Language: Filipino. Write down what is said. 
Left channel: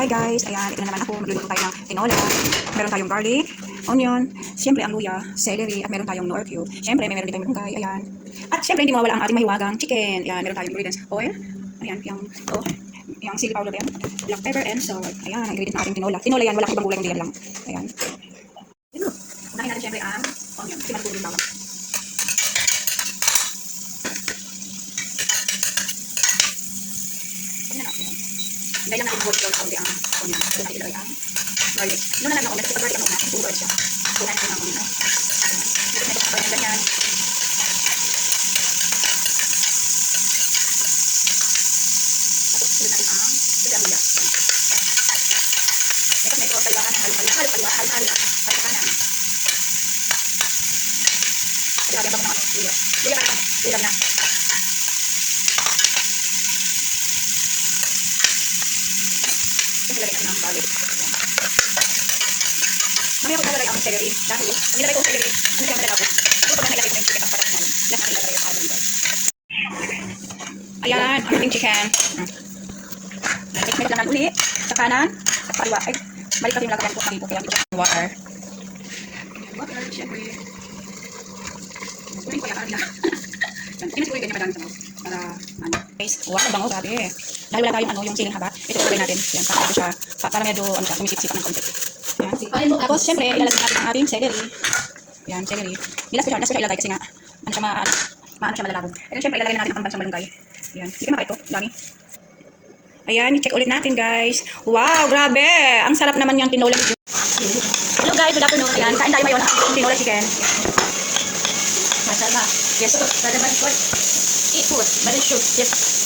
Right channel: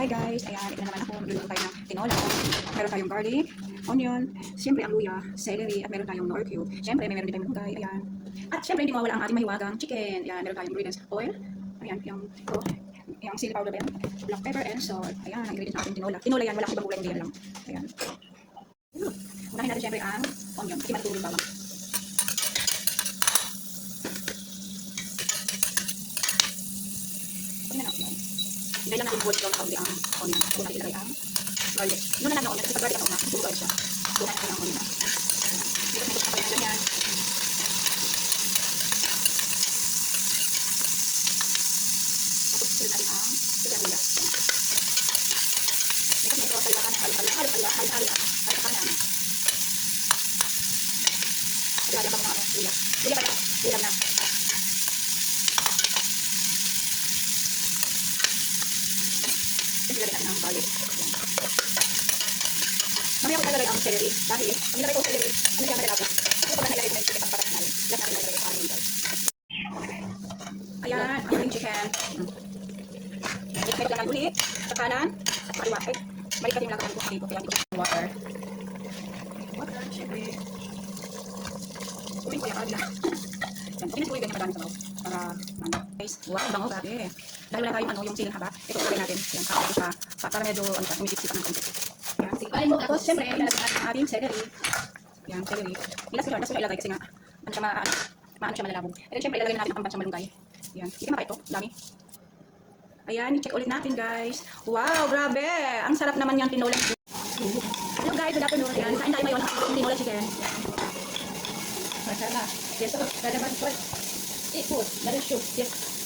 Hi guys, ayan, ito na naman ako. Magluluto tayo ng tinola. Meron tayong garlic, onion, siyempre ang luya, celery, at meron tayong nor cube. Siyempre, meron din tayong malunggay, ayan. At siyempre, hindi mawala ang ating mahiwagang chicken. Ayan, meron tayong ingredients, oil, ayan, yung chili powder yan, black pepper and salt. Ayan, ang ingredient ng ating tinola. Tinola yan, walang ibang gulay, hindi yan lang. Ayan. Unahin natin siyempre ang onion, kasi matulog yung bawang. Dahil lang ako dito sa uli ang onion. Dahil tayo ilagay ang garlic. Doon na lang ako. Kasi pag garlic ako na, puro garlic siya. Doon na lang ako na. Medyo kapag yan ganyan. Tapos doon natin ang sibuyas. Tapos medyo kailangan ng halo-halo. At saka na. Pagkaganda ko ng ating sibuyas. Bigyan ka na. Ulam na. Mamaya ko talagay ang celery. Dahil, ang nilagay ko celery, ano siya malalago? So, pag nilagay ko yung chicken, ang parang namin. Lahat ang nilagay yung almond ko. Ayan, ang ating chicken. Mix lang natin ulit. Sa kanan, sa kaliwa. Ay, balik kasi yung lagayan ko kanito. Kaya dito water. Water, syempre. Gawin ko yan, parang nila. Tinis ko yung ganyan kadami sa mga. Para, ano. Wow, bango, grabe. Dahil wala tayong yung siling haba, ito gawin natin. Yan, saka ito siya. Para medyo, tumisip-sip ng konti. Yan. Tapos, syempre, ilalagay natin ang ating celery. Yan, celery. Nilas ko siya ilagay kasi nga, ano siya maano siya malalabog. Ito, syempre, ilalagay natin ang pambansang malunggay. Yan. Hindi ka maka ito, dami. Ayan, i-check ulit natin, guys. Wow, grabe! Ang sarap naman yung tinola. Hello, guys. Good afternoon. Ayan, kain tayo ngayon ng tinola chicken. Masarap. Yes. Eat food. But it should. Yes.